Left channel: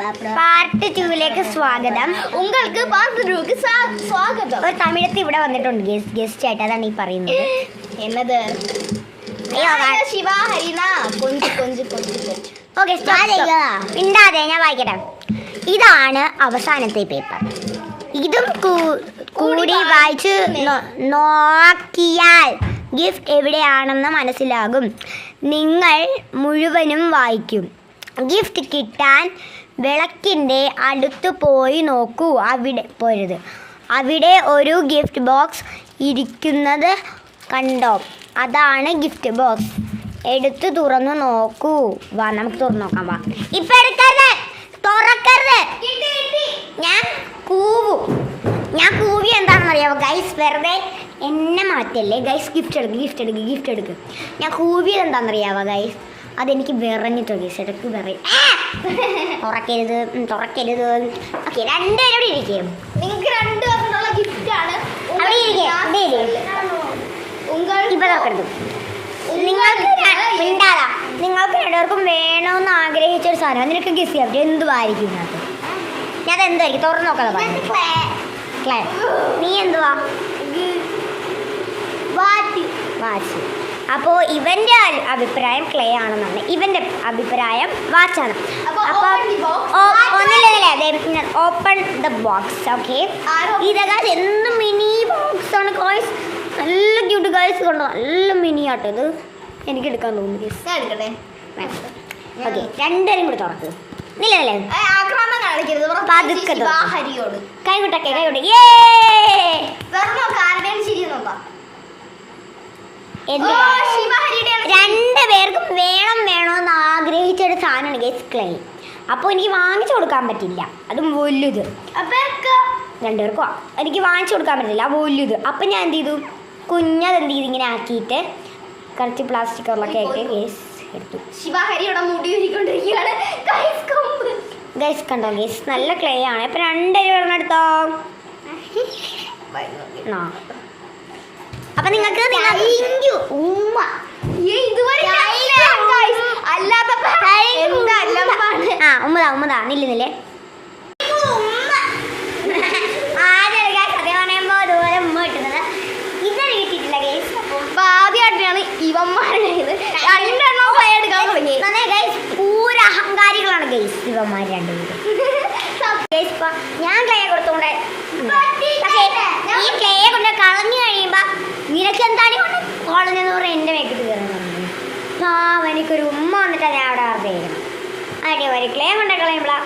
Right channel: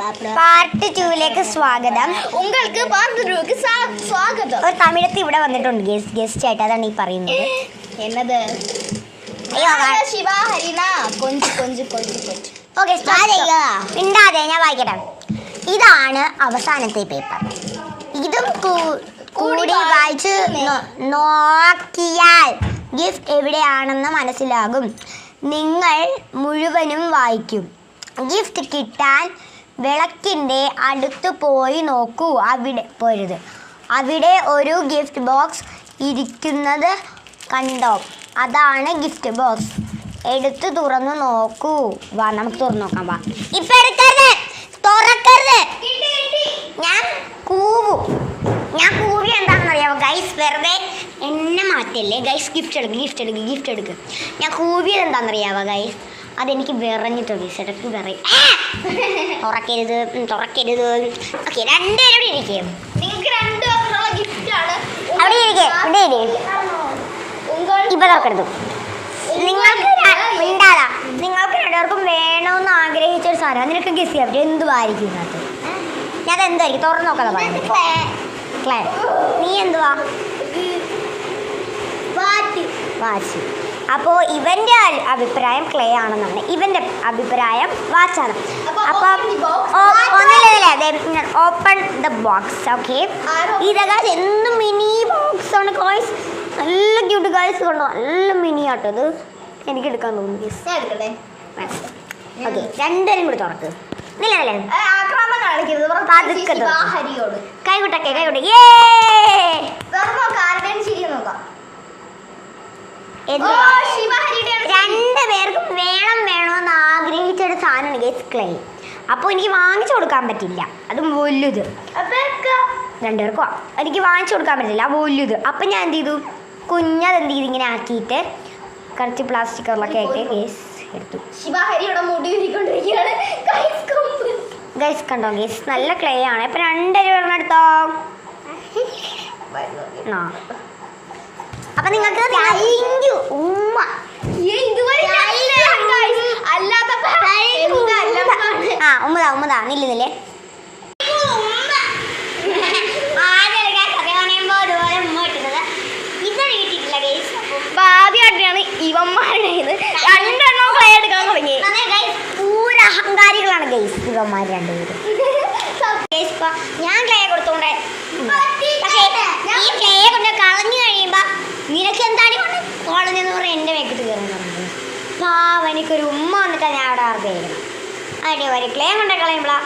Part 2 സ്വാഗതം. உங்களுக்கு part 2 സ്വാഗതം. ഒരു തമിഴത്ത് ഇവിടെ വന്നിട്ടുണ്ട് ഗസ്റ്റ് ആയിട്ട്, അതാണ് ഈ പറയുന്നത്. എന്നത് അയ്യോ ശിവ ഹരിന കൊഞ്ച് ഓക്കെ മിണ്ടാതെ ഞാൻ വായിക്കട്ടെ. ഇതാണ് അവസാനത്തെ പേപ്പർ. ഇതും കൂടി വായിച്ച് നോക്കിയാൽ ഗിഫ്റ്റ് എവിടെയാണെന്ന് മനസ്സിലാകും. നിങ്ങൾ മുഴുവനും വായിക്കും. ഗിഫ്റ്റ് കിട്ടാൻ വിളക്കിൻ്റെ അടുത്ത് പോയി നോക്കൂ. അവിടെ ഒരു ഗിഫ്റ്റ് ബോക്സ് ഇരിക്കുന്നത് കണ്ടോ? അതാണ് ഗിഫ്റ്റ് ബോക്സ്. എടുത്ത് തുറന്നു നോക്കൂ. വാ നമുക്ക് തുറന്നു നോക്കാം. വാ ഇപ്പം എടുക്കരുത്, തുറക്കരുത്. ഞാൻ കൂവി എന്താണെന്ന് അറിയാമോ ഗൈസ്? വെറുതെ എന്നെ മാറ്റല്ലേ ഗൈസ്. ഗിഫ്റ്റ് എടുക്ക്. ഞാൻ കൂവിയത് എന്താണെന്നറിയാമോ ഗൈസ്? അതെനിക്ക് വിറഞ്ഞിട്ടോ ഗൈസ്, ഇടയ്ക്ക് വിറയും. തുറക്കരുത്. ഓക്കെ രണ്ടുപേരും ഇരിക്കും. നിങ്ങൾക്ക് രണ്ടുപേർക്കുള്ള ഗിഫ്റ്റാണ്. അവിടെ ഇരിക്കേ. ഇപ്പം തുറക്കരുത്. നിങ്ങൾക്ക് രണ്ടുപേർക്കും വേണമെന്ന് ആഗ്രഹിച്ചൊരു സാധനം. നിനക്ക് ഗസ് ചെയ്യാൻ പറ്റും എന്തുവായിരിക്കും ഇതിനകത്ത്? ഞാൻ എന്തായിരിക്കും തുറന്നു നോക്കാതെ പറയുന്നത്. ക്ലേ. നീ എന്തുവാ? വാച്ച്. അപ്പോൾ ഇവൻ്റെ അഭിപ്രായം ക്ലേ ആണെന്നാണ്, ഇവൻ്റെ അഭിപ്രായം വാച്ചാണ്. അപ്പം ഒന്നില്ലേ ഓപ്പൺ ദ ബോക്സ്. ഓക്കെ ഇതൊക്കെ എന്ത് മിനി ബോക്സ് ആണ് ഗോയ്സ്. നല്ല ക്യൂട്ട് ഗൈസ്, കൊണ്ടോ നല്ല മിനി ആട്ടോ ഇത്. എനിക്ക് എടുക്കാൻ തോന്നുന്നു. ഓക്കെ രണ്ടുപേരും കൂടി തുറക്ക്. കൈവിട്ടെ. രണ്ടുപേർക്കും വേണമെന്ന് ആഗ്രഹിച്ചൊരു സാധനമാണ് ഗൈസ് ക്ലേ. അപ്പോൾ എനിക്ക് വാങ്ങിച്ചു കൊടുക്കാൻ പറ്റില്ല. അതും വലുത്. രണ്ടുപേർക്കും എനിക്ക് വാങ്ങിച്ചു കൊടുക്കാൻ പറ്റില്ല, വലുത്. അപ്പം ഞാൻ എന്ത് ചെയ്തു? കുഞ്ഞതെന്ത് ചെയ്ത് ഇങ്ങനെ ആക്കിയിട്ട് കുറച്ച് പ്ലാസ്റ്റിക് കവറിലൊക്കെ ആയിട്ട് ഗൈസ് എടുത്തു. ഗൈസ് കണ്ടോ ഗൈസ്, നല്ല ക്ലേ ആണ്. ഇപ്പം രണ്ടുപേരും എടുത്തോ. അപ്പം നിങ്ങൾക്ക് ഉമ്മ ഉമ്മതാ നില്ലുന്നില്ലേ. ആദ്യമായിട്ടാണ് ഇവന്മാരുടെ രണ്ടെണ്ണം ക്ലേ എടുക്കാൻ തുടങ്ങി. പൂര അഹങ്കാരികളാണ് ഗൈസ് ഇവന്മാർ രണ്ടുപേരും. ഞാൻ ക്ലേ കൊടുത്തോണ്ട്, പക്ഷേ ഈ ക്ലേ കൊണ്ട് കളഞ്ഞു കഴിയുമ്പോ നിനക്ക് എന്താണ് കൊണ്ട് കളഞ്ഞെന്ന് പറഞ്ഞാൽ എൻ്റെ മേക്കിട്ട് കയറാൻ പറഞ്ഞു. എനിക്കൊരു ഉമ്മ വന്നിട്ടാണ് ഞാൻ അവിടെ വെറുതെ ഇരിക്കണം. അതിൻ്റെ ഒരു ക്ലേ കൊണ്ട് കളയുമ്പോഴാണ്